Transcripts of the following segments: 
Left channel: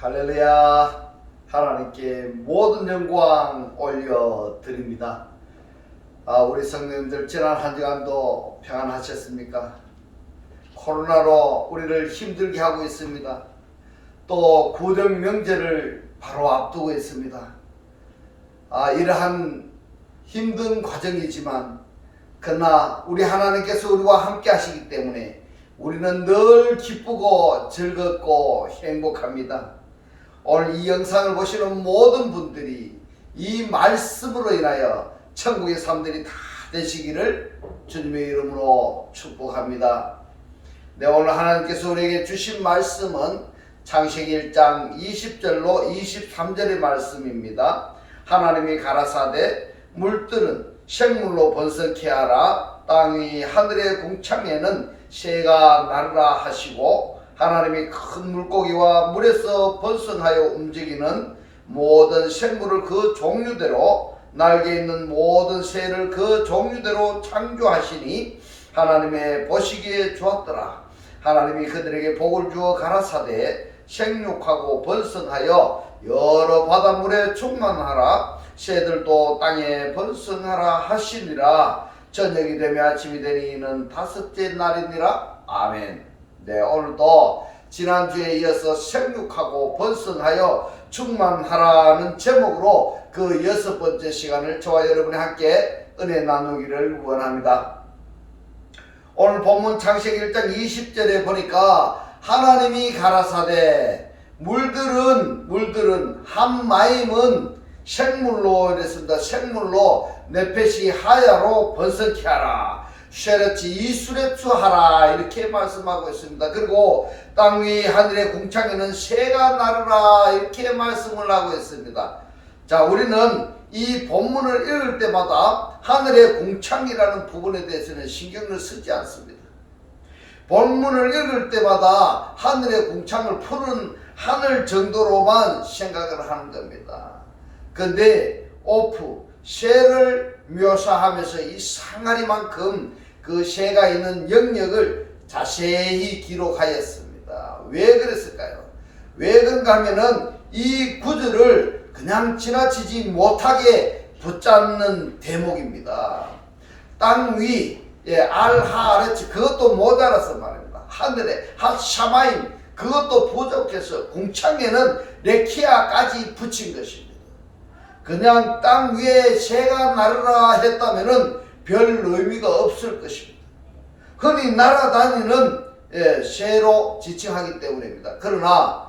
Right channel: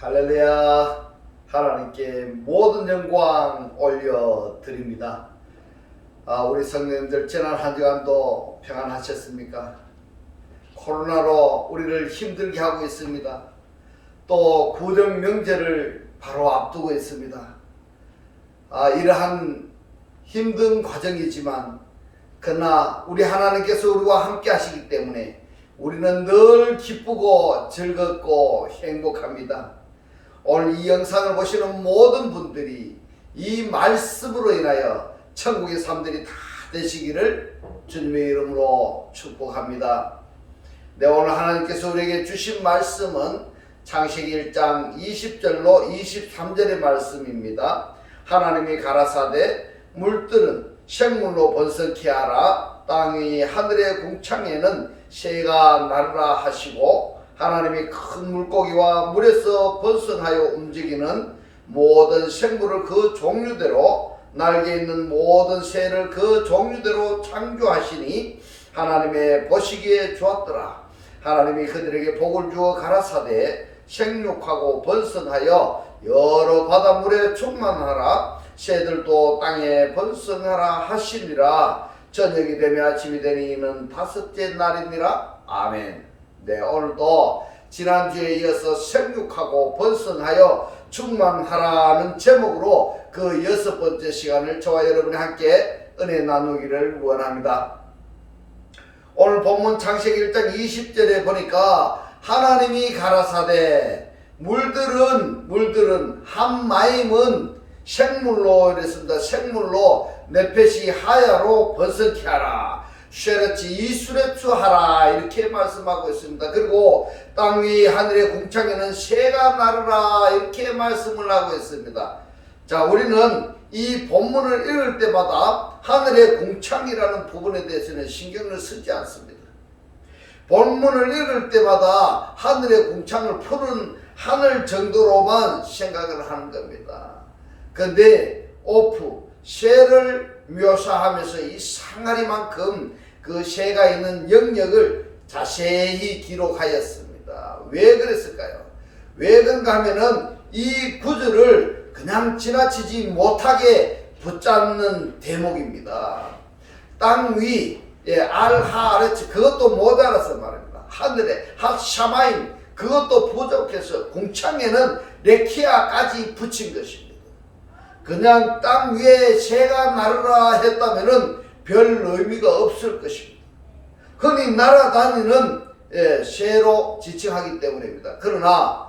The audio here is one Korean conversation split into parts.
할렐루야. 하나님께 모든 영광 올려드립니다. 우리 성도님들 지난 한 주간도 평안하셨습니까? 코로나로 우리를 힘들게 하고 있습니다. 또 구정 명절을 바로 앞두고 있습니다. 이러한 힘든 과정이지만 그러나 우리 하나님께서 우리와 함께 하시기 때문에 우리는 늘 기쁘고 즐겁고 행복합니다. 오늘 이 영상을 보시는 모든 분들이 이 말씀으로 인하여 천국의 삶들이 다 되시기를 주님의 이름으로 축복합니다. 오늘 하나님께서 우리에게 주신 말씀은 창세기 1장 20절로 23절의 말씀입니다. 하나님이 가라사대 물들은 생물로 번성케 하라. 땅 위 하늘의 궁창에는 새가 나르라 하시고, 하나님이 큰 물고기와 물에서 번성하여 움직이는 모든 생물을 그 종류대로, 날개 있는 모든 새를 그 종류대로 창조하시니 하나님의 보시기에 좋았더라. 하나님이 그들에게 복을 주어 가라사대 생육하고 번성하여 여러 바닷물에 충만하라. 새들도 땅에 번성하라 하시니라. 저녁이 되며 아침이 되니 이는 다섯째 날이니라. 아멘. 오늘도 지난주에 이어서 생육하고 번성하여 충만하라는 제목으로 그 6번째 시간을 저와 여러분이 함께 은혜 나누기를 원합니다. 오늘 본문 창세기 1장 20절에 보니까 하나님이 가라사대 물들은 함마임은 생물로 이랬습니다. 생물로 네펫이 하야로 번성케 하라. 쉐레치 이수레추 하라. 이렇게 말씀하고 있습니다. 그리고 땅 위 하늘의 궁창에는 새가 나르라. 이렇게 말씀을 하고 있습니다. 자, 우리는 이 본문을 읽을 때마다 하늘의 궁창이라는 부분에 대해서는 신경을 쓰지 않습니다. 본문을 읽을 때마다 하늘의 궁창을 푸는 하늘 정도로만 생각을 하는 겁니다. 근데 새를 묘사하면서 이 상아리만큼 그 새가 있는 영역을 자세히 기록하였습니다. 왜 그랬을까요? 왜 그런가 하면은 이 구절을 그냥 지나치지 못하게 붙잡는 대목입니다. 땅 위, 알하아레츠, 그것도 못 알아서 말입니다. 하늘에 핫샤마임, 그것도 부족해서 궁창에는 레키아까지 붙인 것입니다. 그냥 땅 위에 새가 나르라 했다면은 별 의미가 없을 것입니다. 흔히 날아다니는 새로 지칭하기 때문입니다. 그러나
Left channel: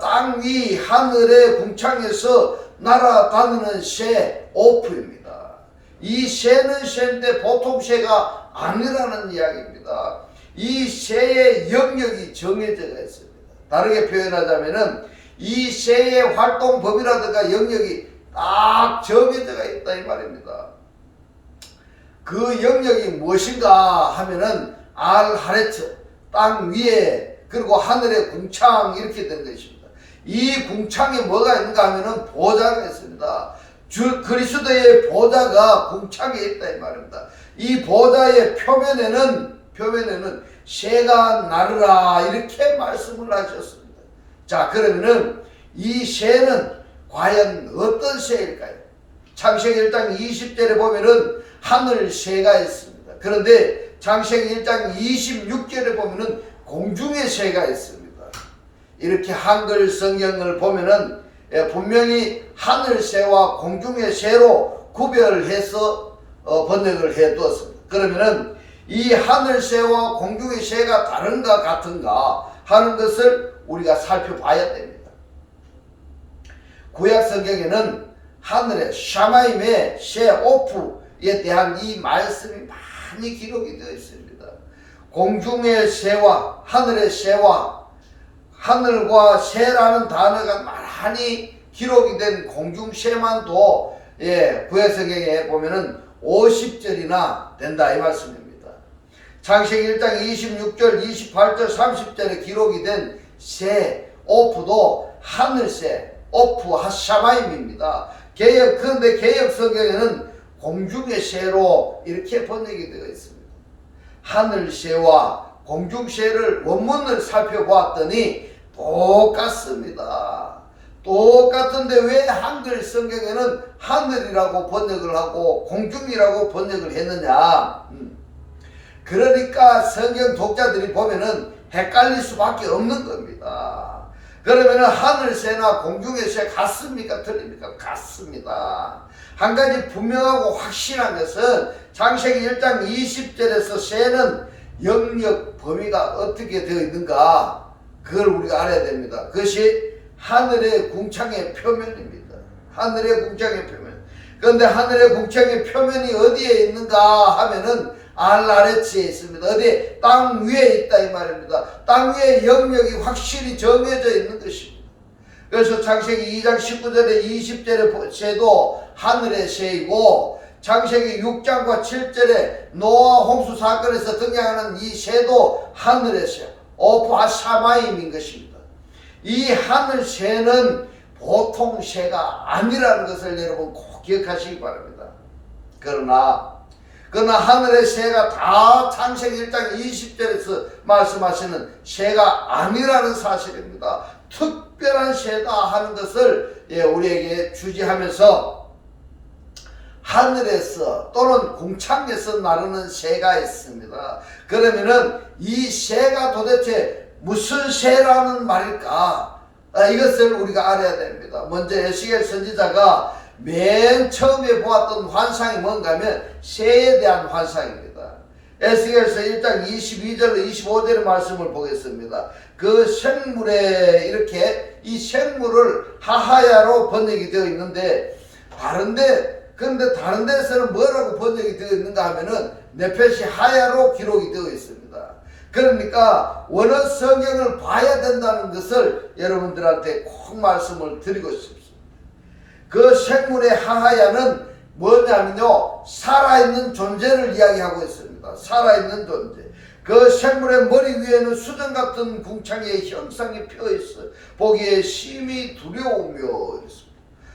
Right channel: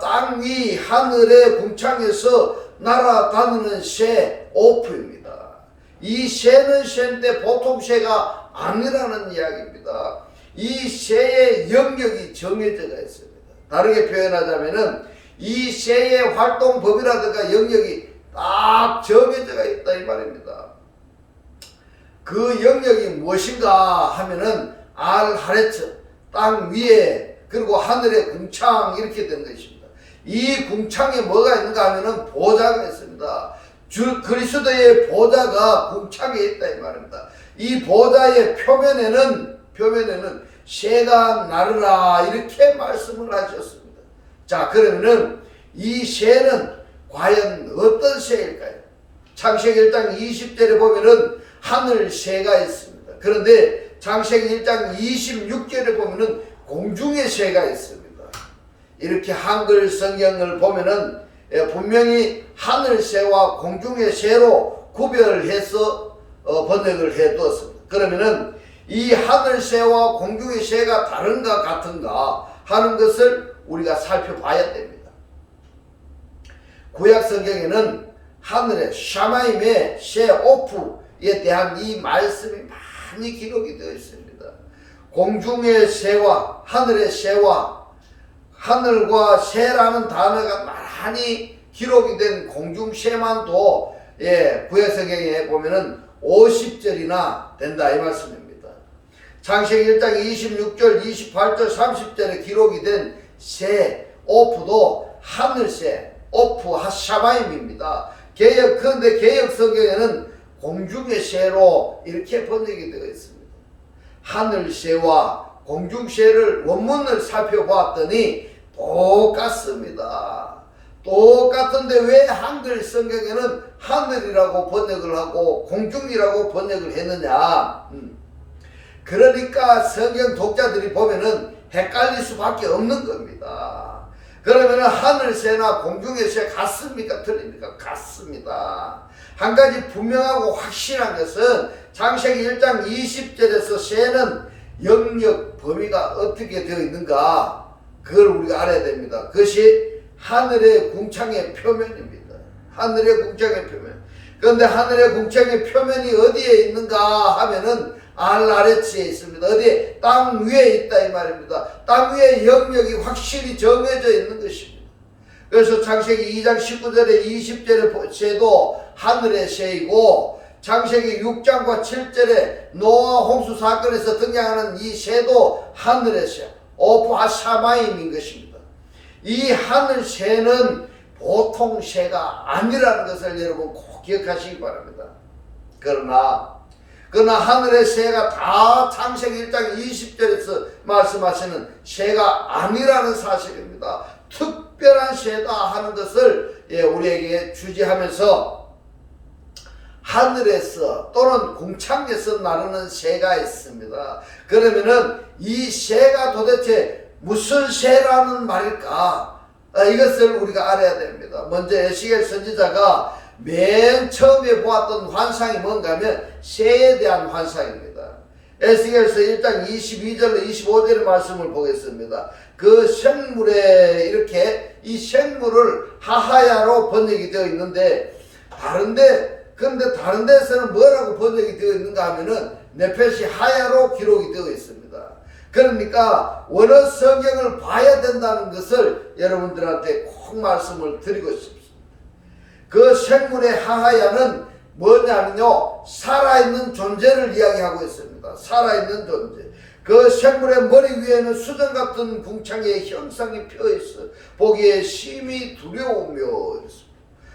땅 위 하늘의 궁창에서 날아다니는 새 오프입니다. 이 새는 새인데 보통 새가 아니라는 이야기입니다. 이 새의 영역이 정해져 있습니다. 다르게 표현하자면은 이 새의 활동 범위라든가 영역이 딱 정해져 있다 이 말입니다. 그 영역이 무엇인가 하면은 알하레츠, 땅 위에, 그리고 하늘의 궁창, 이렇게 된 것입니다. 이 궁창에 뭐가 있는가 하면은 보좌가 있습니다. 그리스도의 보좌가 궁창에 있다 이 말입니다. 이 보좌의 표면에는 새가 나르라 이렇게 말씀을 하셨습니다. 자, 그러면은 이 새는 과연 어떤 새일까요? 창세기 1장 20절에 보면은 하늘 새가 있습니다. 그런데 창세기 1장 26절에 보면은 공중의 새가 있습니다. 이렇게 한글 성경을 보면은 분명히 하늘 새와 공중의 새로 구별해서 번역을 해 두었습니다. 그러면은 이 하늘 새와 공중의 새가 다른가 같은가 하는 것을 우리가 살펴봐야 됩니다. 구약 성경에는 하늘의 샤마임의 새 오프에 대한 이 말씀이 많이 기록이 되어 있습니다. 공중의 새와 하늘의 새와 하늘과 새라는 단어가 많이 기록이 된 공중 새만도 구약 성경에 보면은 50절이나 된다 이 말씀입니다. 창세기 1장 26절, 28절, 30절에 기록이 된 새 오프도 하늘새 오프 하샤마임입니다. 그런데 개역 성경에는 공중의 새로 이렇게 번역이 되어 있습니다. 하늘새와 공중새를 원문을 살펴보았더니 똑같습니다. 똑같은데 왜 한글 성경에는 하늘이라고 번역을 하고 공중이라고 번역을 했느냐? 그러니까 성경 독자들이 보면은 헷갈릴 수밖에 없는 겁니다. 그러면은 하늘새나 공중의 새 같습니까? 틀립니까? 같습니다. 한 가지 분명하고 확실한 것은 창세기 1장 20절에서 새는 영역 범위가 어떻게 되어 있는가, 그걸 우리가 알아야 됩니다. 그것이 하늘의 궁창의 표면입니다. 하늘의 궁창의 표면. 그런데 하늘의 궁창의 표면이 어디에 있는가 하면은 아래치에 있습니다. 어디에? 땅 위에 있다 이 말입니다. 땅 위에 영역이 확실히 정해져 있는 것입니다. 그래서 창세기 2장 19절에 20절의 새도 하늘의 새이고, 창세기 6장과 7절에 노아 홍수 사건에서 등장하는 이 새도 하늘의 새, 오프아 샤마임인 것입니다. 이 하늘 새는 보통 새가 아니라는 것을 여러분 꼭 기억하시기 바랍니다. 그러나 하늘의 새가 다 창세기 1장 20절에서 말씀하시는 새가 아니라는 사실입니다. 특별한 새다 하는 것을 우리에게 주지하면서, 하늘에서 또는 궁창에서 나르는 새가 있습니다. 그러면은 이 새가 도대체 무슨 새라는 말일까? 이것을 우리가 알아야 됩니다. 먼저 에스겔 선지자가 맨 처음에 보았던 환상이 뭔가 하면 새에 대한 환상입니다. 에스겔서 1장 22절로 25절의 말씀을 보겠습니다. 그 생물에 이렇게 이 생물을 하하야로 번역이 되어 있는데, 근데 다른 데서는 뭐라고 번역이 되어 있는가 하면은 네펫이 하야로 기록이 되어 있습니다. 그러니까 원어 성경을 봐야 된다는 것을 여러분들한테 꼭 말씀을 드리고 싶습니다. 그 생물의 하하야는 뭐냐면요, 살아있는 존재를 이야기하고 있습니다. 살아있는 존재. 그 생물의 머리 위에는 수정 같은 궁창의 형상이 펴있어 보기에 심히 두려우며 이렇습니다.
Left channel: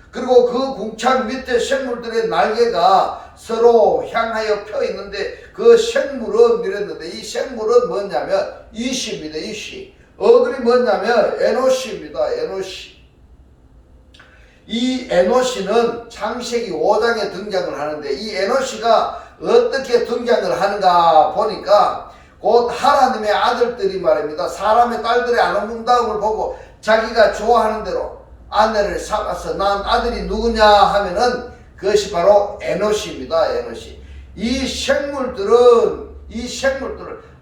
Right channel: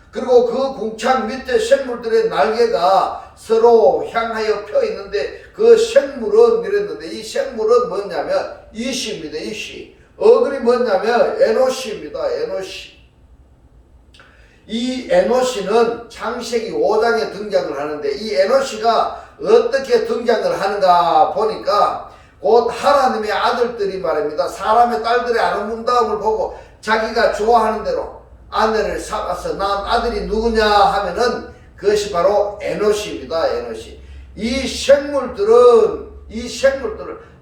그리고 그 궁창 밑에 생물들의 날개가 서로 향하여 펴 있는데, 그 생물은 이랬는데, 이 생물은 뭐냐면 이시입니다. 이시. 어글이 뭐냐면 에노시입니다. 에노시. 이 에노시는 창세기 5장에 등장을 하는데, 이 에노시가 어떻게 등장을 하는가 보니까 곧 하나님의 아들들이 말입니다. 사람의 딸들의 아름다움을 보고 자기가 좋아하는 대로 아내를 삼아서 난 아들이 누구냐 하면은 그것이 바로 에노시입니다. 에노시. 이 생물들을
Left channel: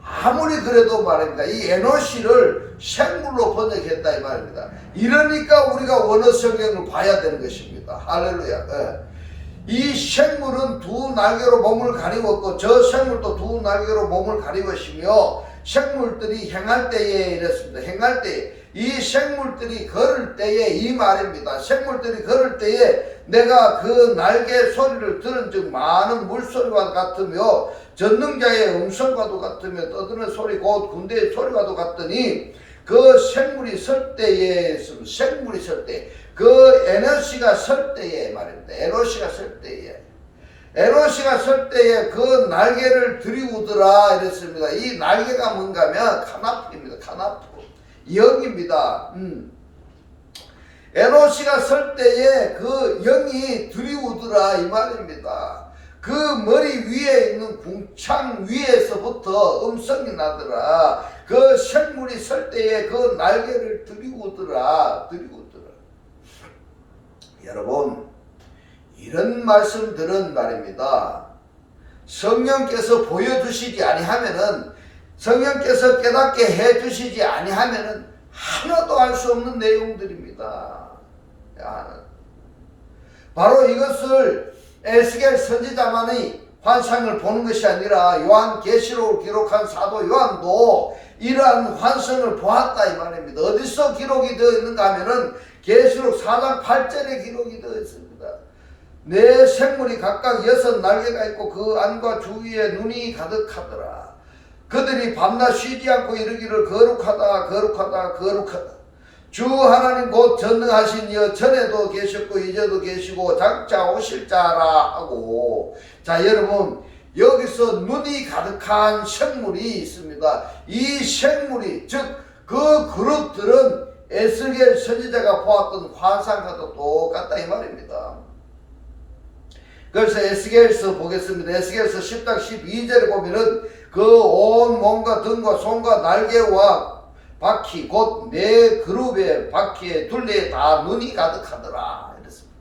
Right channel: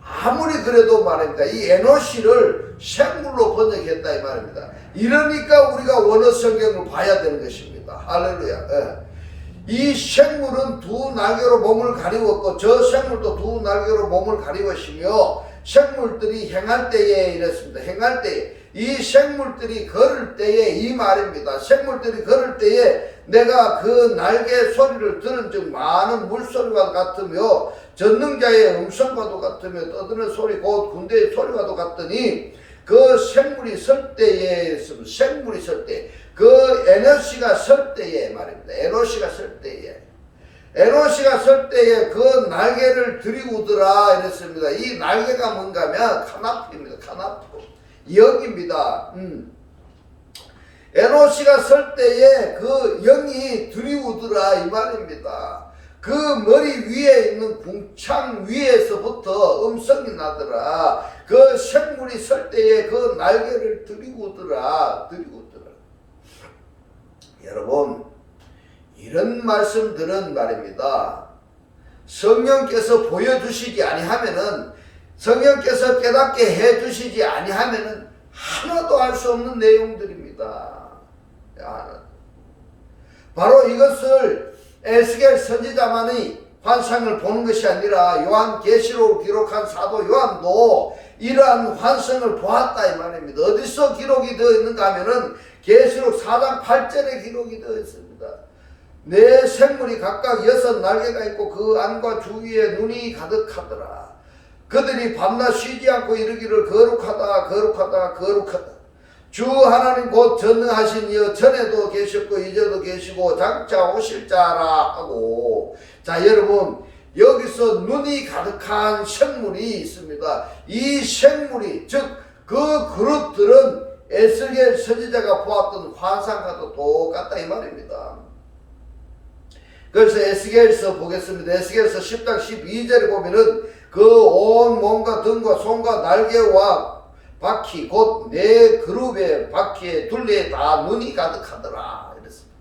아무리 그래도 말입니다, 이 에노시를 생물로 번역했다 이 말입니다. 이러니까 우리가 원어 성경을 봐야 되는 것입니다. 할렐루야. 이 생물은 두 날개로 몸을 가리웠고, 저 생물도 두 날개로 몸을 가리웠으며, 생물들이 행할 때에 이랬습니다. 행할 때에, 이 생물들이 걸을 때에 이 말입니다. 생물들이 걸을 때에 내가 그 날개 소리를 들은 즉 많은 물소리와 같으며 전능자의 음성과도 같으며 떠드는 소리 곧 군대의 소리와도 같더니, 그 생물이 설 때에 생물이 설 때, 그 에노시가 설 때에 말입니다. 에노시가 설 때에 그 날개를 들이우더라 이랬습니다. 이 날개가 뭔가 하면 카나프입니다. 카나프. 영입니다. 에노시가 설 때에 그 영이 들이우더라 이 말입니다. 그 머리 위에 있는 궁창 위에서부터 음성이 나더라. 그 생물이 설 때에 그 날개를 들이우더라. 여러분, 이런 말씀들은 말입니다, 성령께서 보여주시지 아니하면은, 성령께서 깨닫게 해주시지 아니하면은 하나도 알 수 없는 내용들입니다. 바로 이것을 에스겔 선지자만이 환상을 보는 것이 아니라 요한계시록을 기록한 사도 요한도 이러한 환상을 보았다 이 말입니다. 어디서 기록이 되어 있는가 하면은 계시록 4장 8절에 기록이 되어 있습니다. 네 생물이 각각 6 날개가 있고 그 안과 주위에 눈이 가득하더라. 그들이 밤낮 쉬지 않고 이르기를 거룩하다 거룩하다 거룩하다. 주 하나님 곧 전능하신 이여 전에도 계셨고 이제도 계시고 장차 오실 자라 하고, 자 여러분, 여기서 눈이 가득한 생물이 있습니다. 이 생물이 즉 그 그룹들은 에스겔 선지자가 보았던 환상과도 똑같다 이 말입니다. 그래서 에스겔서 보겠습니다. 에스겔서 10장 12절에 보면은 그 온 몸과 등과 손과 날개와 바퀴 곧 네 그룹의 바퀴의 둘레에 다 눈이 가득하더라 이랬습니다.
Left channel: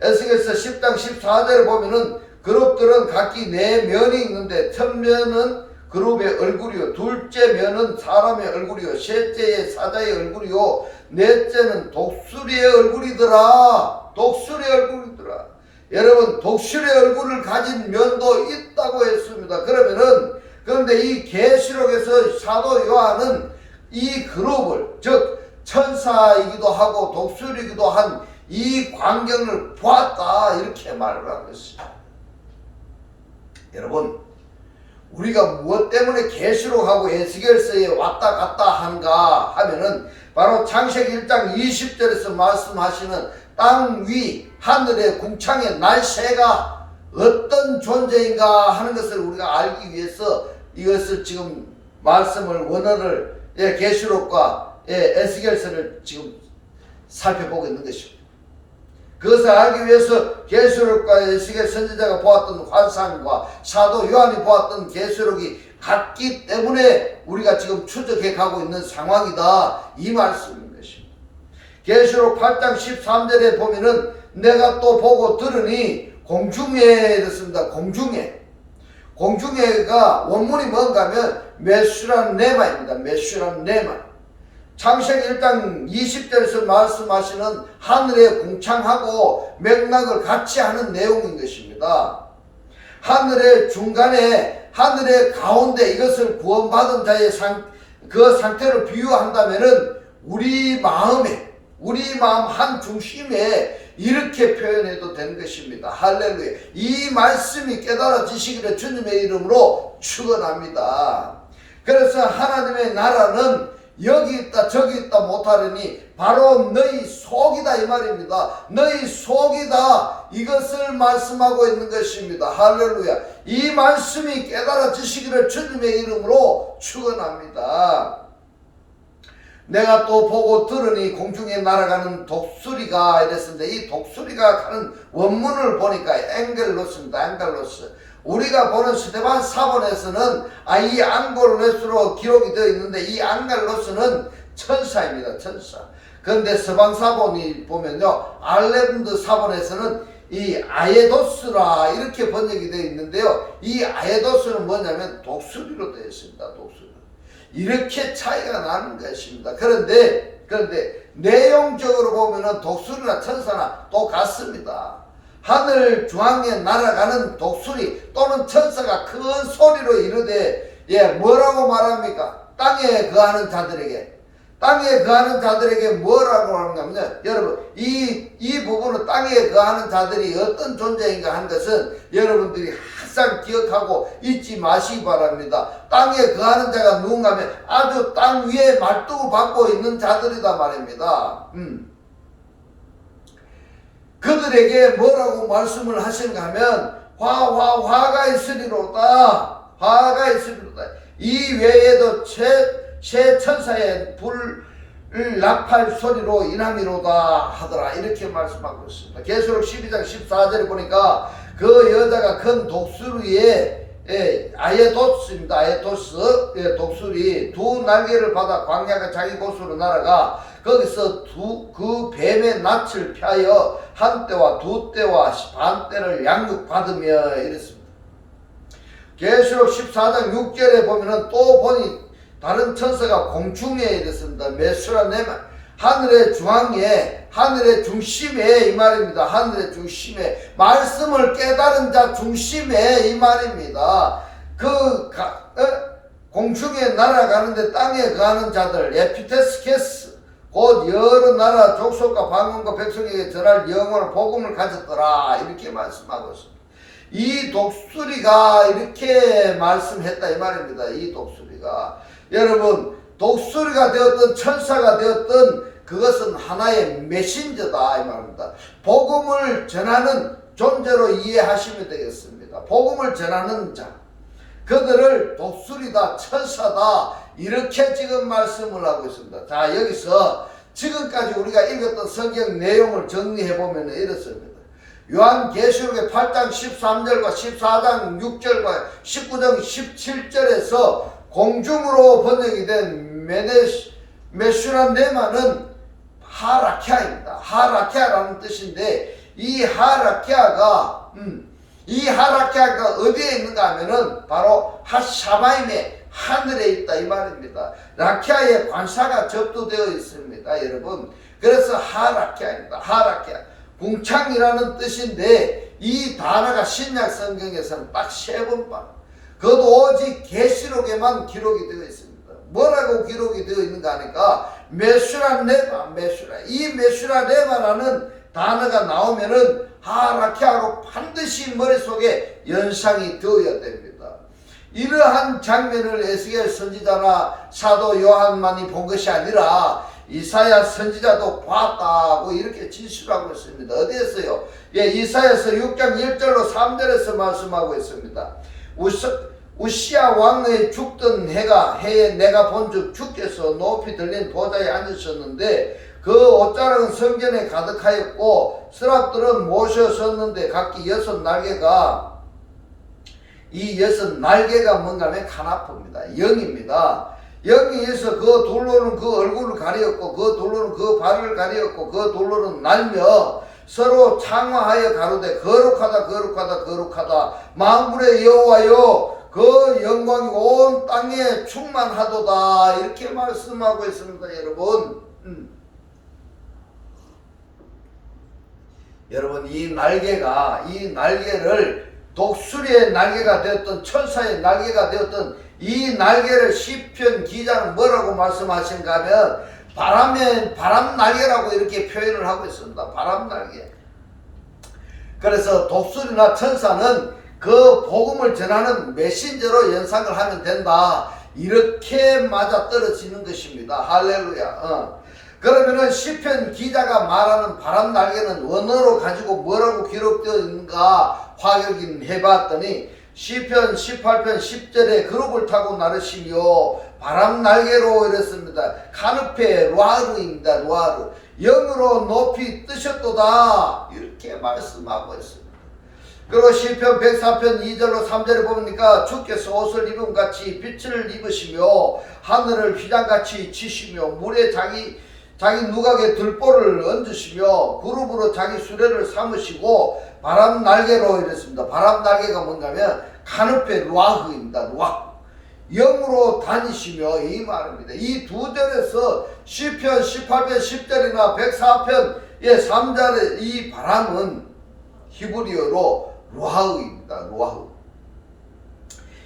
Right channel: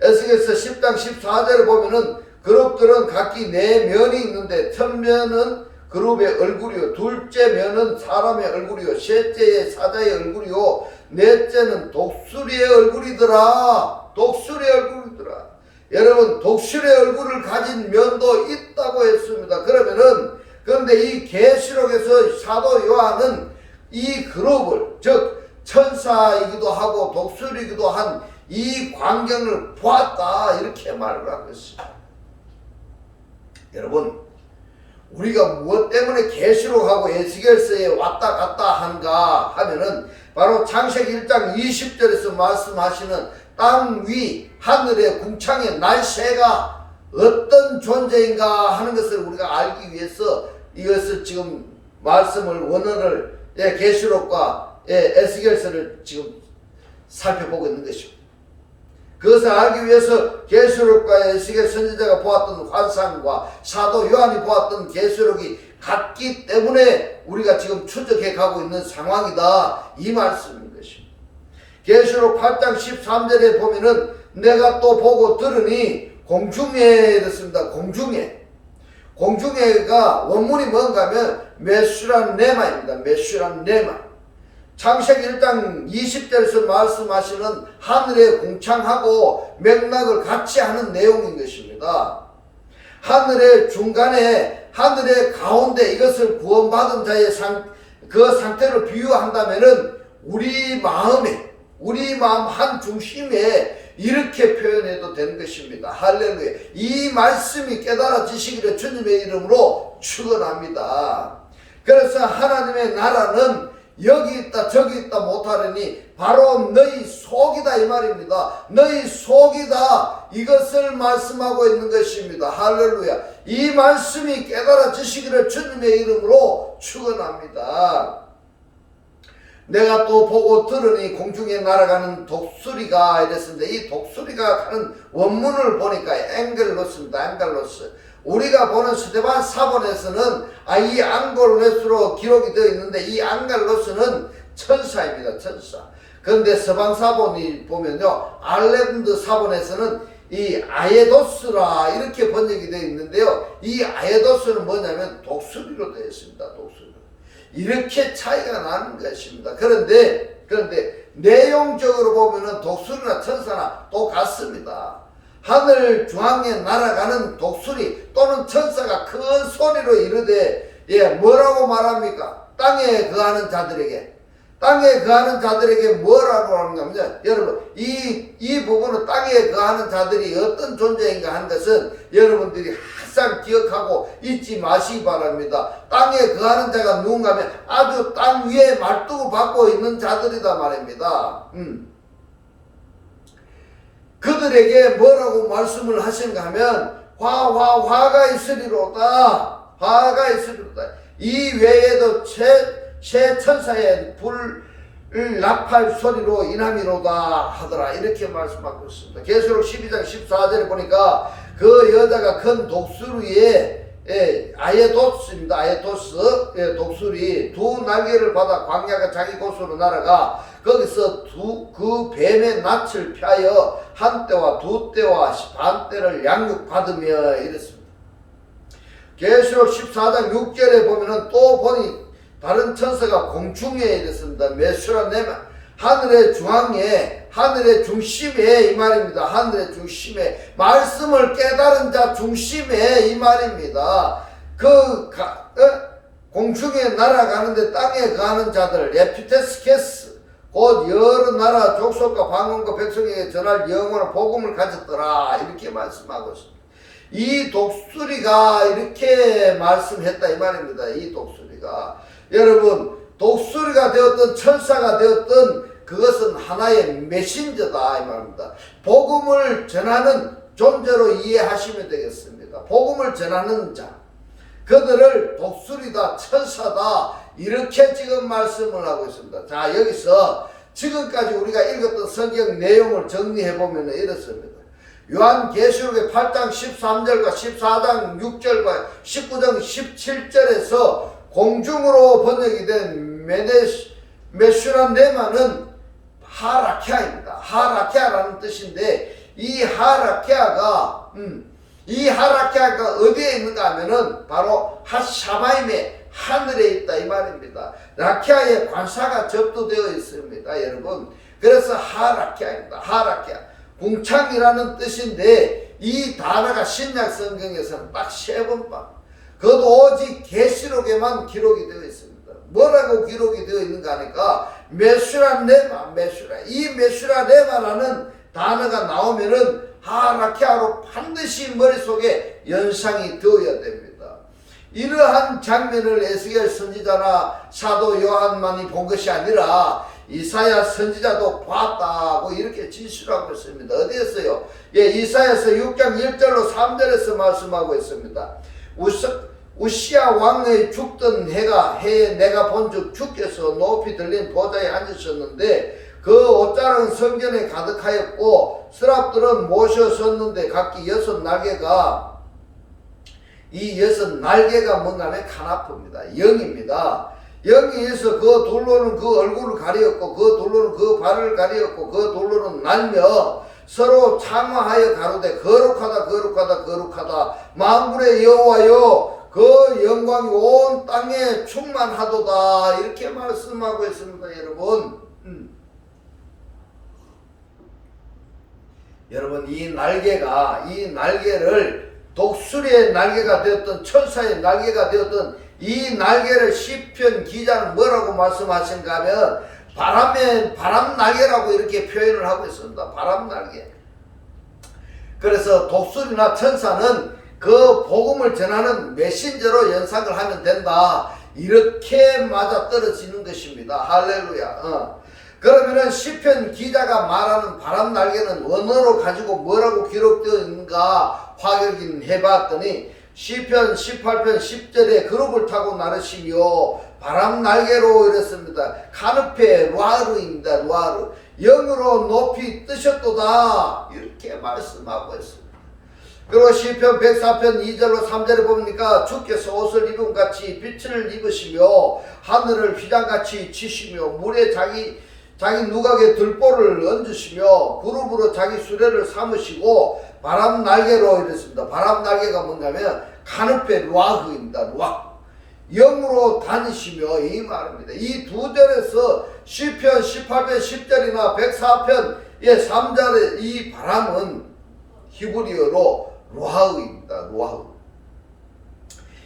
에스겔서 10장 14절에 보면은 그룹들은 각기 네 면이 있는데 첫 면은 그룹의 얼굴이요, 둘째 면은 사람의 얼굴이요, 셋째의 사자의 얼굴이요, 넷째는 독수리의 얼굴이더라. 독수리의 얼굴이더라. 여러분, 독수리의 얼굴을 가진 면도 있다고 했습니다. 그런데 이 계시록에서 사도 요한은 이 그룹을, 즉 천사이기도 하고 독수리이기도 한 이 광경을 보았다 이렇게 말을 하고 있습니다. 여러분, 우리가 무엇 때문에 계시록하고 에스겔서에 왔다 갔다 하는가 하면은 바로 창세기 1장 20절에서 말씀하시는 땅 위 하늘의 궁창의 날새가 어떤 존재인가 하는 것을 우리가 알기 위해서 이것을 지금 말씀을 원어를 계시록과 에스겔서를 지금 살펴보고 있는 것입니다. 그것을 알기 위해서 계시록과 에스겔 선지자가 보았던 환상과 사도 요한이 보았던 계시록이 같기 때문에 우리가 지금 추적해 가고 있는 상황이다 이 말씀인 것입니다. 계시록 8장 13절에 보면은 내가 또 보고 들으니 공중에 이렇습니다. 공중에가 원문이 뭔가 하면 메슈람 네마입니다. 메슈람 네마. 창세기 1장 20절에서 말씀하시는 하늘의 궁창하고 맥락을 같이 하는 내용인 것입니다. 하늘의 중간에, 하늘의 가운데 이것을 구원받은 자의 그 상태를 비유한다면은 우리 마음 한 중심에 이렇게 표현해도 되는 것입니다. 할렐루야. 이 말씀이 깨달아지시기를 주님의 이름으로 축원합니다. 그래서 하나님의 나라는 여기 있다 저기 있다 못하려니 바로 너희 속이다 이 말입니다. 너희 속이다 이것을 말씀하고 있는 것입니다. 할렐루야. 이 말씀이 깨달아지시기를 주님의 이름으로 축원합니다. 내가 또 보고 들으니 공중에 날아가는 독수리가 이랬습니다. 이 독수리가 가는 원문을 보니까 앵겔로스입니다. 앵겔로스. 우리가 보는 스데반 사본에서는 이 앙골로스로 기록이 되어 있는데 이 앙갈로스는 천사입니다. 천사. 그런데 서방 사본이 보면요, 알렘드 사본에서는 이 아에도스라 이렇게 번역이 되어 있는데요, 이 아에도스는 뭐냐면 독수리로 되어 있습니다. 독수리. 이렇게 차이가 나는 것입니다. 그런데 내용적으로 보면은 독수리나 천사나 똑같습니다. 하늘 중앙에 날아가는 독수리 또는 천사가 큰 소리로 이르되 뭐라고 말합니까? 땅에 거하는 자들에게 뭐라고 하는가 하면 여러분 이 부분은 땅에 거하는 자들이 어떤 존재인가 하는 것은 여러분들이 항상 기억하고 잊지 마시기 바랍니다. 땅에 거하는 자가 누군가 하면 아주 땅 위에 말뚝을 받고 있는 자들이다 말입니다. 그들에게 뭐라고 말씀을 하시는가 하면 화가 있으리로다. 화가 있으리로다. 이 외에도 새 천사의 불을 나팔 소리로 인함이로다 하더라. 이렇게 말씀하고 있습니다. 계시록 12장 14절에 보니까 그 여자가 큰 독수리에 아에도스입니다. 아에도스 독수리 두 날개를 받아 광야가 자기 곳으로 날아가 거기서 그 뱀의 낯을 피하여 한 때와 두 때와 반 때를 양육받으며 이랬습니다. 계시록 14장 6절에 보면은 또 보니 다른 천사가 공중에 이랬습니다. 메수라네마 하늘의 중앙에 하늘의 중심에 이 말입니다. 하늘의 중심에 말씀을 깨달은 자 중심에 이 말입니다. 공중에 날아가는데 땅에 가는 자들 에피테스케스 곧 여러 나라 족속과 방언과 백성에게 전할 영원한 복음을 가졌더라 이렇게 말씀하고 있습니다. 이 독수리가 이렇게 말씀했다 이 말입니다. 이 독수리가 여러분 독수리가 되었던 천사가 되었던 그것은 하나의 메신저다 이 말입니다. 복음을 전하는 존재로 이해하시면 되겠습니다. 복음을 전하는 자 그들을 독수리다 천사다 이렇게 지금 말씀을 하고 있습니다. 자 여기서 지금까지 우리가 읽었던 성경 내용을 정리해 보면 이렇습니다. 요한계시록의 8장 13절과 14장 6절과 19장 17절에서 공중으로 번역이 된 메슈라네마는 하라키아입니다. 하라키아라는 뜻인데 이 하라키아가 어디에 있는가 하면은 바로 핫샤바임의 하늘에 있다 이 말입니다. 라키아의 관사가 접두되어 있습니다, 여러분. 그래서 하라키아입니다. 하라키아. 궁창이라는 뜻인데 이 단어가 신약 성경에서는 딱 3번만. 그것도 오직 계시록에만 기록이 되어 있습니다. 뭐라고 기록이 되어 있는가 하니까 메슈라네마. 이 메슈라네마라는 단어가 나오면은 하라키아로 반드시 머릿속에 연상이 되어야 됩니다. 이러한 장면을 에스겔 선지자나 사도 요한만이 본 것이 아니라 이사야 선지자도 봤다고 이렇게 진술하고 있습니다. 어디에서요? 이사야서 6장 1절로 3절에서 말씀하고 있습니다. 우시야 왕의 죽던 해에 내가 본즉 주께서 높이 들린 보좌에 앉으셨는데 그 옷자락은 성전에 가득하였고 스랍들은 모셔섰는데 각기 6날개가 이 6날개가 뭔가 하면 카나프입니다. 영입니다. 영이 있어 그 돌로는 그 얼굴을 가리었고 그 돌로는 그 발을 가리었고 그 돌로는 날며 서로 창화하여 가로되 거룩하다 거룩하다 거룩하다 만군의 여호와여 그 영광이 온 땅에 충만하도다 이렇게 말씀하고 있습니다. 여러분 여러분 이 날개를 독수리의 날개가 되었던 천사의 날개가 되었던 이 날개를 시편 기자는 뭐라고 말씀하시는가 하면 바람 날개라고 이렇게 표현을 하고 있습니다. 바람 날개. 그래서 독수리나 천사는 그 복음을 전하는 메신저로 연상을 하면 된다. 이렇게 맞아 떨어지는 것입니다. 할렐루야. 그러면은 시편 기자가 말하는 바람 날개는 원어로 가지고 뭐라고 기록되어 있는가 확인 해봤더니 시편 18편 10절에 그룹을 타고 나르시며 바람 날개로 이랬습니다. 카누페 루아르입니다. 루아르. 영으로 높이 뜨셨도다 이렇게 말씀하고 있습니다. 그리고 시편 104편 2절로 3절에 보니까 주께서 옷을 입은 같이 빛을 입으시며 하늘을 휘장같이 치시며 물에 자기 누각에 들보를 얹으시며 그룹으로 자기 수레를 삼으시고 바람 날개로 이랬습니다. 바람 날개가 뭔가 하면 카누페 루아흐입니다. 루아흐. 영으로 다니시며 이 말입니다. 이 두 절에서 시편 18편 10절이나 104편 3절의 이 바람은 히브리어로 루아흐입니다. 루아흐.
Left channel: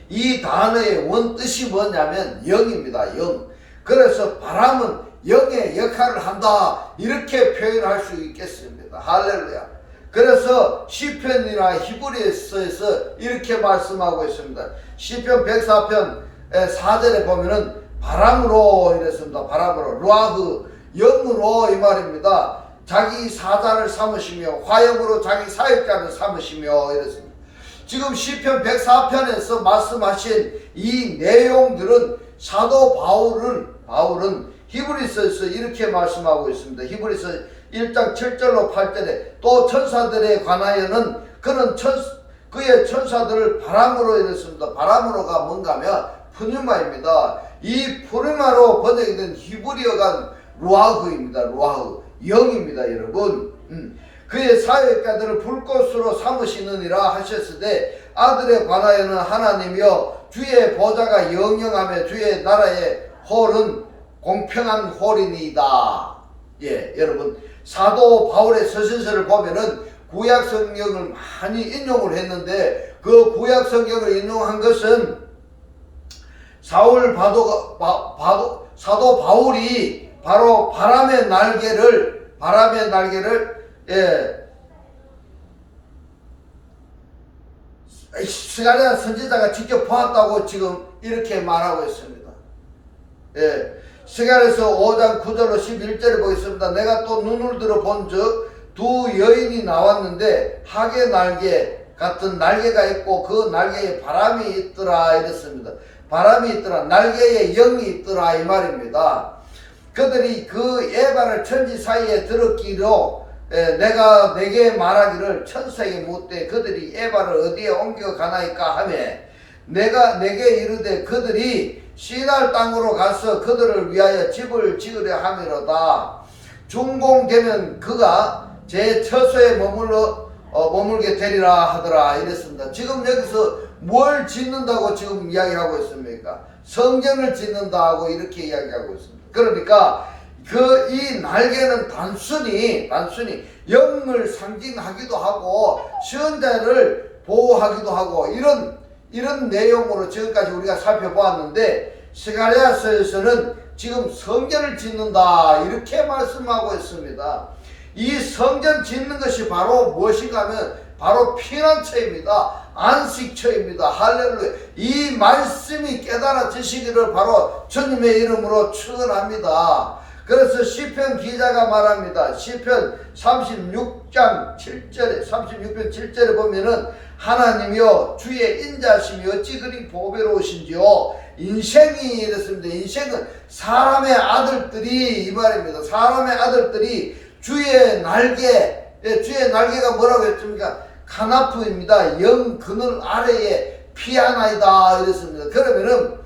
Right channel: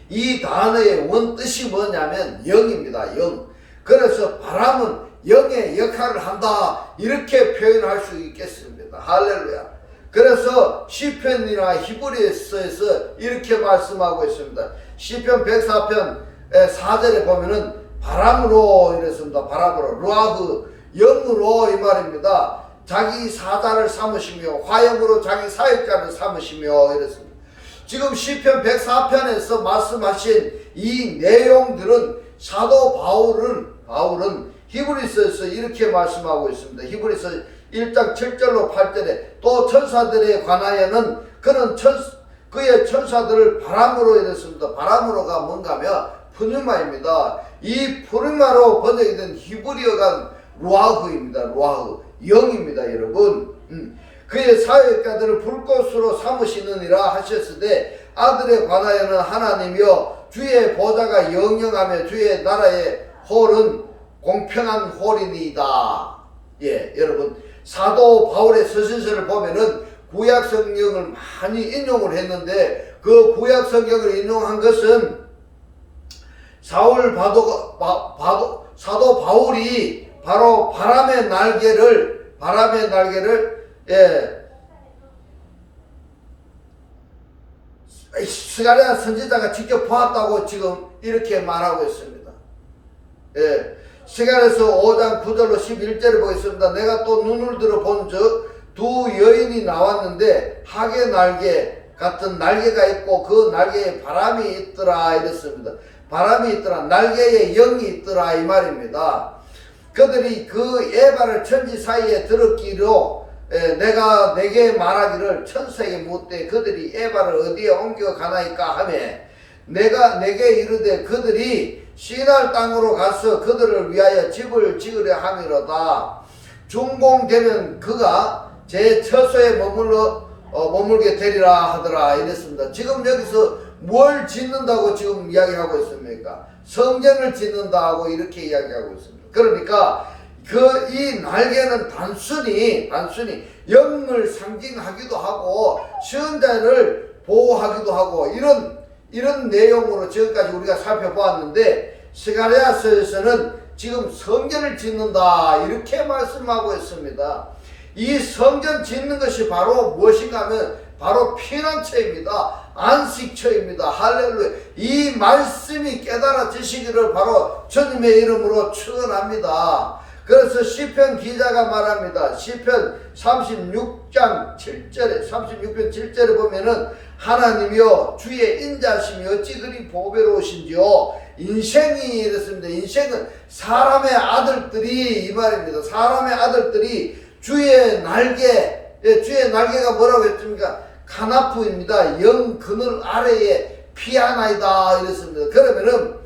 이 단어의 원뜻이 뭐냐면 영입니다. 영. 그래서 바람은 영의 역할을 한다 이렇게 표현할 수 있겠습니다. 할렐루야. 그래서 시편이나 히브리서에서 이렇게 말씀하고 있습니다. 시편 104편 4절에 보면은 바람으로 이랬습니다. 바람으로 루아흐 영으로 이 말입니다. 자기 사자를 삼으시며 화염으로 자기 사역자를 삼으시며 이랬습니다. 지금 시편 104편에서 말씀하신 이 내용들은 사도 바울은 히브리서에서 이렇게 말씀하고 있습니다. 히브리서 1장 7절로 8절에 또 천사들에 관하여는 그는 그의 천사들을 바람으로 이랬습니다. 바람으로가 뭔가 하면 푸뉴마입니다. 이 푸뉴마로 번역이 된 히브리어가 루아흐입니다. 루아흐. 영입니다, 여러분. 그의 사역자들을 불꽃으로 삼으시느니라 하셨을 때 아들에 관하여는 하나님이여 주의 보좌가 영영하며 주의 나라의 홀은 공평한 홀이니이다. 여러분 사도 바울의 서신서를 보면은 구약 성경을 많이 인용을 했는데 그 구약 성경을 인용한 것은 사도 바울이 바로 바람의 날개를 스가랴 선지자가 직접 보았다고 지금 이렇게 말하고 있습니다. 스가랴서 5장 9절로 11절을 보겠습니다. 내가 또 눈을 들어 본즉 두 여인이 나왔는데 하계 날개 같은 날개가 있고 그 날개에 바람이 있더라 이랬습니다. 바람이 있더라. 날개에 영이 있더라 이 말입니다. 그들이 그 에바를 천지 사이에 들었기로 내가 내게 말하기를 천사에게 묻되 그들이 에바를 어디에 옮겨 가나이까 하며 내가 내게 이르되 그들이 시날 땅으로 가서 그들을 위하여 집을 지으려 함이로다. 준공되면 그가 제 처소에 머물게 되리라 하더라 이랬습니다. 지금 여기서 뭘 짓는다고 지금 이야기하고 있습니까? 성전을 짓는다고 이렇게 이야기하고 있습니다. 그러니까 이 날개는 단순히 영을 상징하기도 하고 선자를 보호하기도 하고 이런 내용으로 지금까지 우리가 살펴보았는데 스가랴서에서는 지금 성전을 짓는다 이렇게 말씀하고 있습니다. 이 성전 짓는 것이 바로 무엇인가 하면 바로 피난처입니다. 안식처입니다. 할렐루야. 이 말씀이 깨달아지시기를 바로 주님의 이름으로 축원합니다. 그래서 시편 기자가 말합니다. 시편 36장 7절에 36편 7절에 보면은 하나님이여 주의 인자심이 어찌 그리 보배로우신지요. 인생이 이랬습니다. 인생은 사람의 아들들이 이 말입니다. 사람의 아들들이 주의 날개가 뭐라고 했습니까? 카나프입니다. 영 그늘 아래에 피하나이다 이랬습니다. 그러면은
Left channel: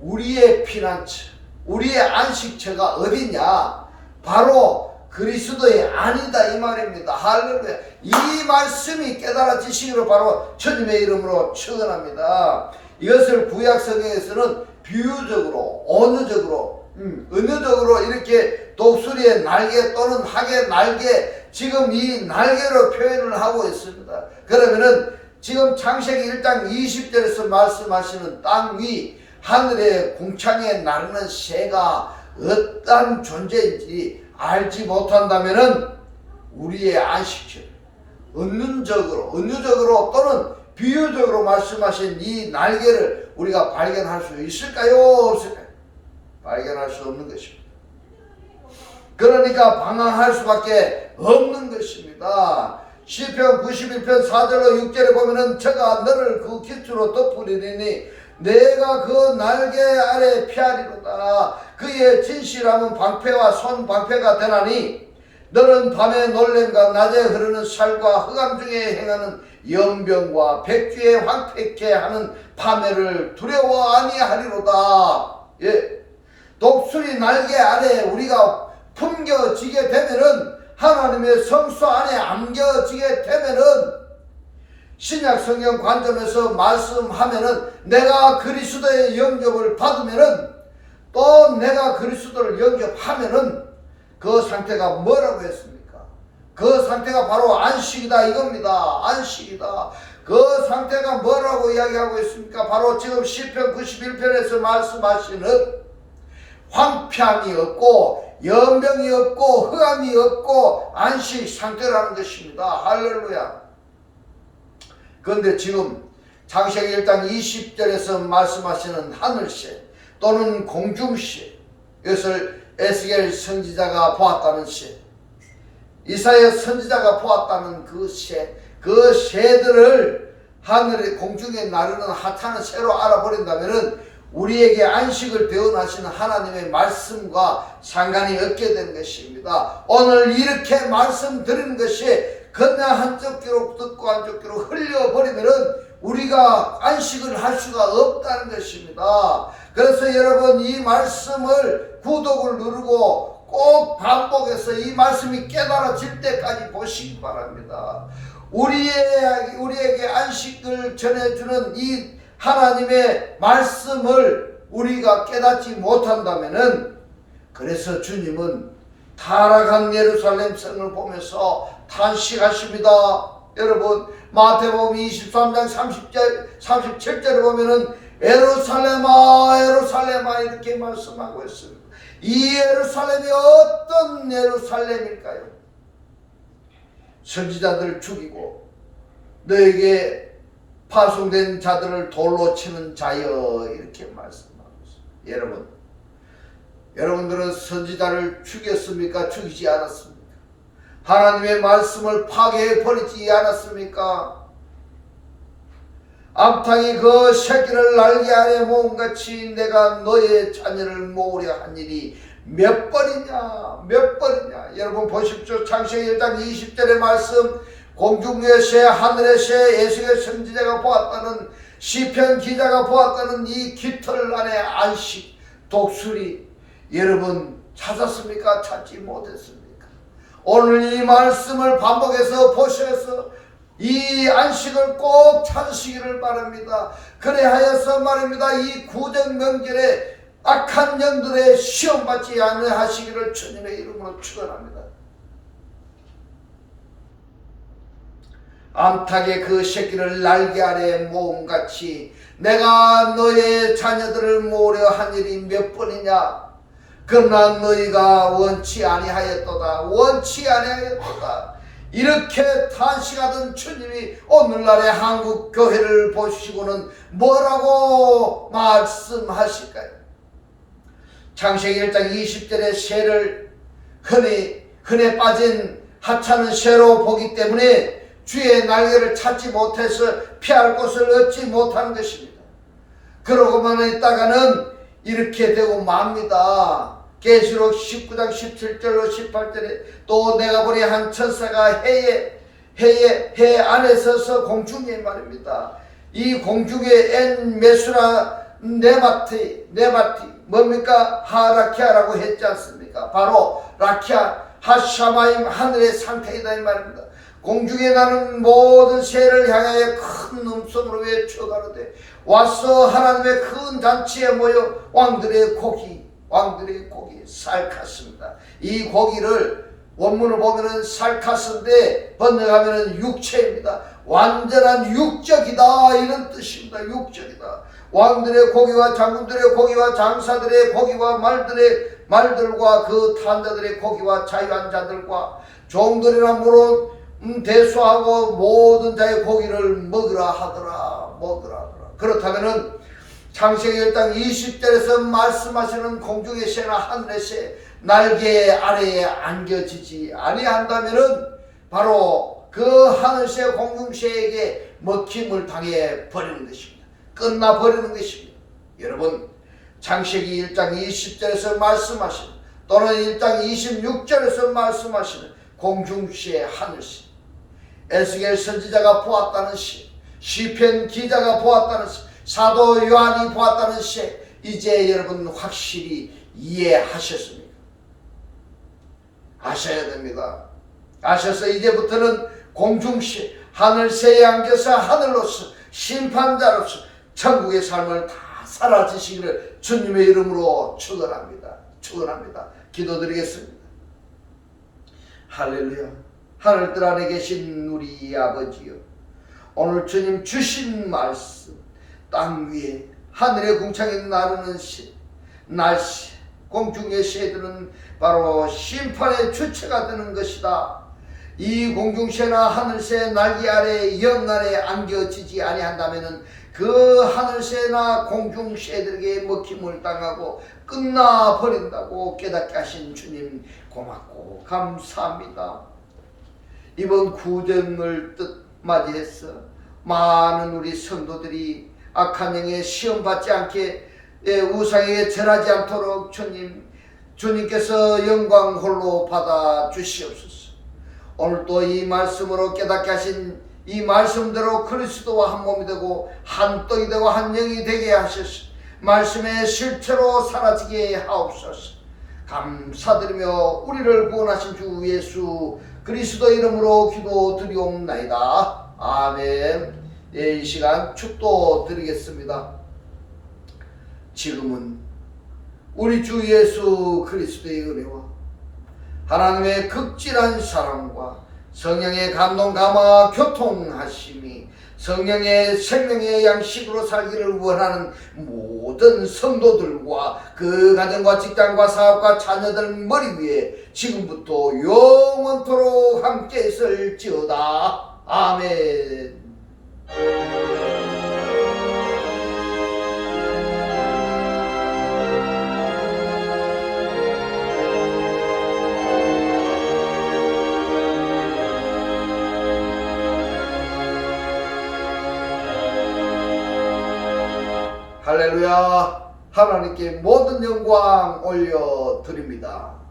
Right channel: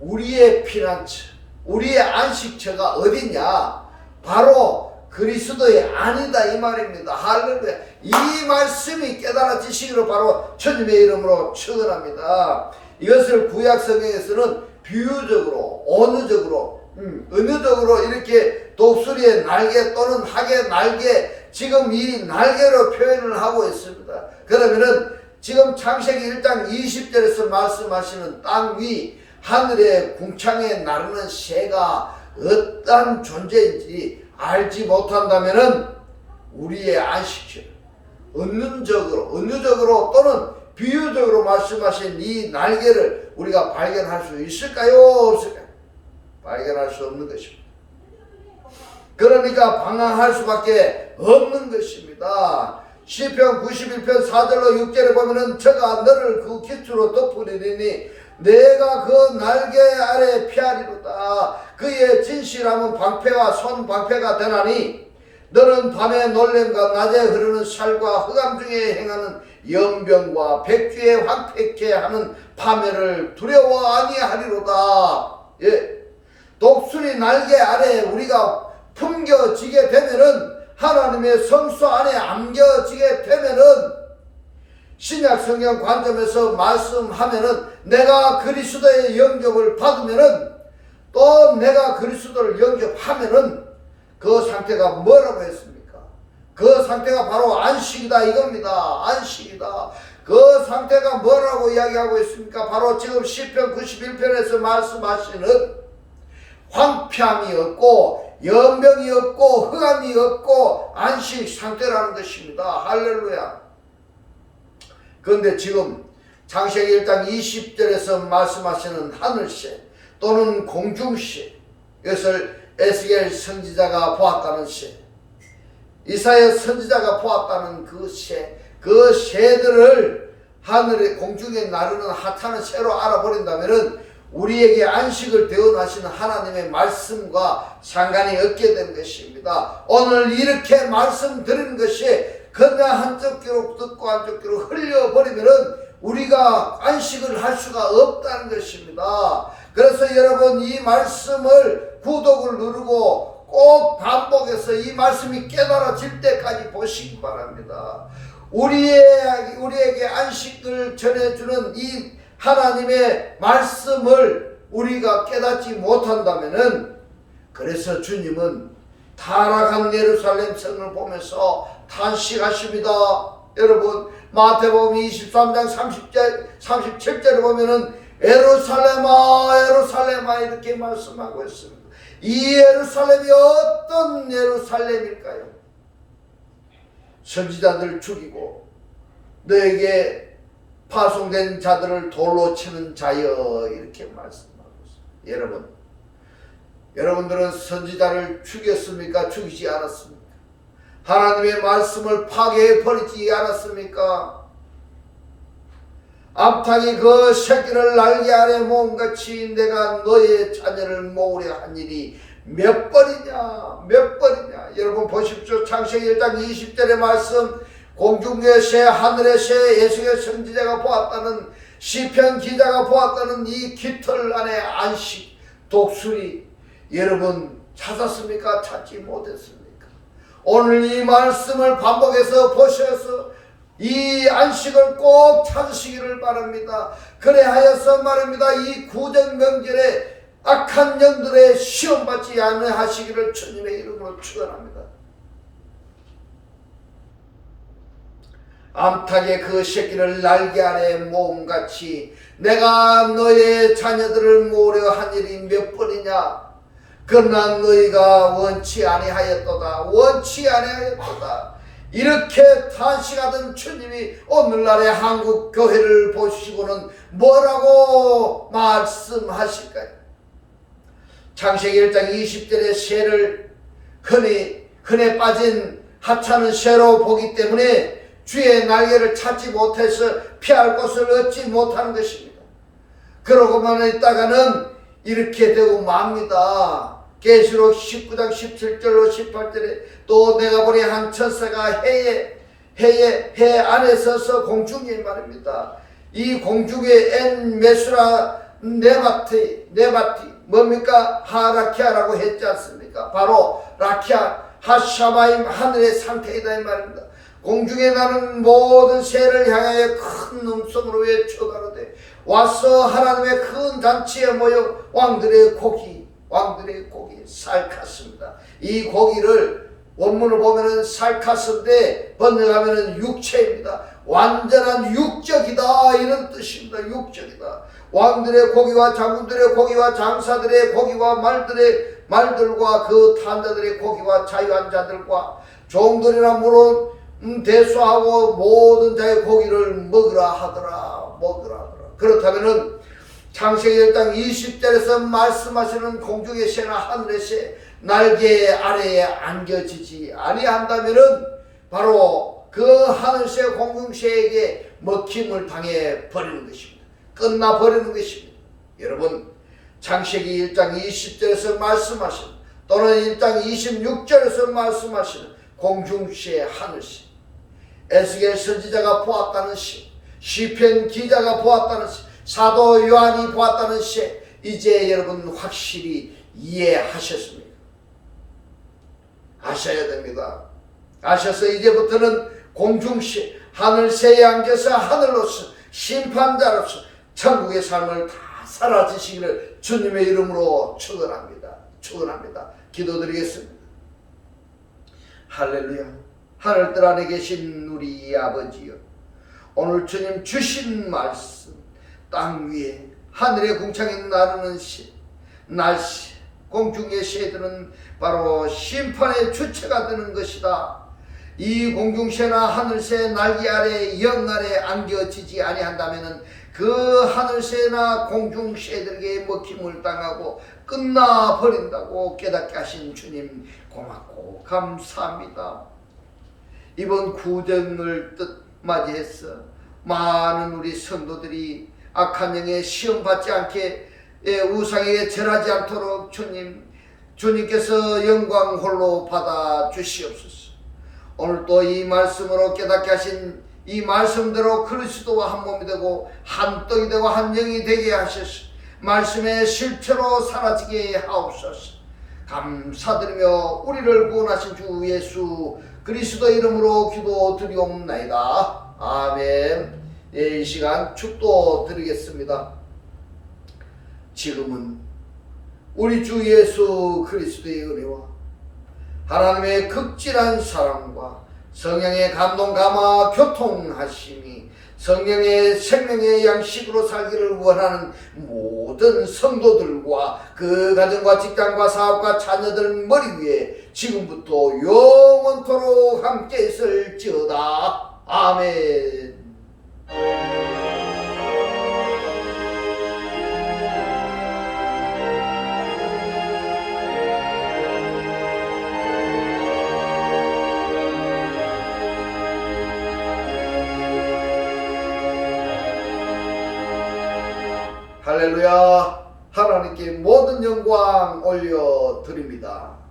우리의 피난처, 우리의 안식처가 어디냐? 바로 그리스도의 안이다 이 말입니다. 할렐루야. 이 말씀이 깨달아지시기를 바로 주님의 이름으로 축원합니다. 이것을 구약 성경에서는 비유적으로, 은유적으로 이렇게 독수리의 날개 또는 학의 날개, 지금 이 날개로 표현을 하고 있습니다. 그러면은 지금 창세기 1장 20절에서 말씀하시는 땅 위 하늘의 궁창에 나르는 새가 어떠한 존재인지 알지 못한다면은 우리의 안식처를 은유적으로 또는 비유적으로 말씀하신 이 날개를 우리가 발견할 수 있을까요? 없을까요? 발견할 수 없는 것입니다. 그러니까 방황할 수밖에 없는 것입니다. 시편 91편 4절로 6절에 보면은 저가 너를 그 깃으로 덮으리니 내가 그 날개 아래 피하리로다. 그의 진실함은 방패와 손방패가 되나니 너는 밤에 놀램과 낮에 흐르는 살과 흑암 중에 행하는 연병과 백주에 황폐케 하는 파멸을 두려워 아니하리로다. 독수리 날개 아래 우리가 품겨지게 되면은, 하나님의 성소 안에 안겨지게 되면은, 신약 성경 관점에서 말씀하면은 내가 그리스도의 영접을 받으면은, 또 내가 그리스도를 영접하면은 그 상태가 뭐라고 했습니까? 그 상태가 바로 안식이다 이겁니다. 안식이다. 그 상태가 뭐라고 이야기하고 있습니까? 바로 지금 시편 91편에서 말씀하시는 황폐함이 없고 연병이 없고 흑암이 없고 안식 상태라는 것입니다. 할렐루야. 그런데 지금 창세기 1장 20절에서 말씀하시는 하늘새 또는 공중새, 이것을 에스겔 선지자가 보았다는 새, 이사야 선지자가 보았다는 그 새, 그 새들을 하늘의 공중에 나르는 하찮은 새로 알아버린다면은 우리에게 안식을 대원하시는 하나님의 말씀과 상관이 없게 된 것입니다. 오늘 이렇게 말씀드리는 것이 그냥 한쪽 귀로 듣고 한쪽 귀로 흘려버리면은 우리가 안식을 할 수가 없다는 것입니다. 그래서 여러분, 이 말씀을 구독을 누르고 꼭 반복해서 이 말씀이 깨달아질 때까지 보시기 바랍니다. 우리에게 안식을 전해주는 이 하나님의 말씀을 우리가 깨닫지 못한다면은, 그래서 주님은 타락한 예루살렘 성을 보면서 탄식하십니다. 여러분, 마태복음 23장 37절에 보면은 예루살렘아 예루살렘아 이렇게 말씀하고 있습니다. 이 예루살렘이 어떤 예루살렘일까요? 선지자들 죽이고 너에게 파송된 자들을 돌로 치는 자여, 이렇게 말씀하고 있습니다. 여러분들은 선지자를 죽였습니까? 죽이지 않았습니까? 하나님의 말씀을 파괴해 버리지 않았습니까? 암탉이 그 새끼를 날개 아래 모음같이 내가 너의 자녀를 모으려 한 일이 몇 번이냐 몇 번이냐. 여러분 보십시오. 창세기 1장 20절의 말씀, 공중의 새 하늘의 새 예수의 선지자가 보았다는, 시편 기자가 보았다는 이 깃털 안에 안식 독수리, 여러분 찾았습니까? 찾지 못했습니까? 오늘 이 말씀을 반복해서 보셔서 이 안식을 꼭 찾으시기를 바랍니다. 그래하여서 말입니다, 이 구정 명절에 악한 영들의 시험받지 않으시기를 주님의 이름으로 축원합니다. 암탉의 그 새끼를 날개 아래 모음같이 내가 너의 자녀들을 모으려 한 일이 몇 번이냐. 그러나 너희가 원치 아니하였도다. 원치 아니하였도다. 이렇게 탄식하던 주님이 오늘날의 한국 교회를 보시고는 뭐라고 말씀하실까요? 창세기 1장 20절의 새를 흔해 빠진 하찮은 새로 보기 때문에 주의 날개를 찾지 못해서 피할 곳을 얻지 못하는 것입니다. 그러고만 있다가는 이렇게 되고 맙니다. 계시록 19장 17절로 18절에 또 내가 보니 한 천사가 해 안에 서서 공중에 말입니다. 이 공중에 엔 메수라 네바티 뭡니까? 하라키아라고 했지 않습니까? 바로 라키아 하샤마임 하늘의 상태이다 이 말입니다. 공중에 나는 모든 새를 향하여 큰 음성으로 외쳐가로되 와서 하나님의 큰 잔치에 모여 왕들의 고기 살카스입니다. 이 고기를 원문을 보면은 살카스인데 번역하면은 육체입니다. 완전한 육적이다 이런 뜻입니다. 육적이다. 왕들의 고기와 장군들의 고기와 장사들의 고기와 말들과 그 탄자들의 고기와 자유한 자들과 종들이나 물론 대수하고 모든 자의 고기를 먹으라 하더라. 그렇다면은 창세기 1장 20절에서 말씀하시는 공중의 새나 하늘의 새 날개 아래에 안겨지지 아니한다면은 바로 그 하늘새 공중새에게 먹힘을 당해 버리는 것입니다. 끝나 버리는 것입니다. 여러분 창세기 1장 20절에서 말씀하시는 또는 1장 26절에서 말씀하시는 공중새 하늘새, 에스겔 선지자가 보았다는 새, 시편 기자가 보았다는 새, 사도 요한이 보았다는 새, 이제 여러분 확실히 이해하셨습니까? 아셔야 됩니다. 아셔서 이제부터는 공중새 하늘새에 안겨서 하늘로서 심판자로서 천국의 삶을 다 살아지시기를 주님의 이름으로 축원합니다. 기도드리겠습니다. 할렐루야. 하늘들 안에 계신 우리 아버지여, 오늘 주님 주신 말씀 땅 위에 하늘의 궁창에 나르는 날씨 공중의 새들은 바로 심판의 주체가 되는 것이다. 이 공중새나 하늘새 날개 아래 영 아래 안겨지지 아니한다면은 그 하늘새나 공중새들에게 먹힘을 당하고 끝나 버린다고 깨닫게 하신 주님 고맙고 감사합니다. 이번 구정을 맞이해서 많은 우리 성도들이 악한 영에 시험받지 않게 우상에게 절하지 않도록 주님께서 영광 홀로 받아 주시옵소서. 오늘 또 이 말씀으로 깨닫게 하신 이 말씀대로 그리스도와 한 몸이 되고 한 떡이 되고 한 영이 되게 하셔서 말씀의 실체로 사라지게 하옵소서. 감사드리며 우리를 구원하신 주 예수 그리스도 이름으로 기도드리옵나이다. 아멘. 이 시간 축도 드리겠습니다. 지금은 우리 주 예수 그리스도의 은혜와 하나님의 극진한 사랑과 성령의 감동 감화 교통하심이 성령의 생명의 양식으로 살기를 원하는 모든 성도들과 그 가정과 직장과 사업과 자녀들 머리 위에 지금부터 영원토록 함께 있을지어다. 아멘. 할렐루야. 하나님께 모든 영광 올려드립니다.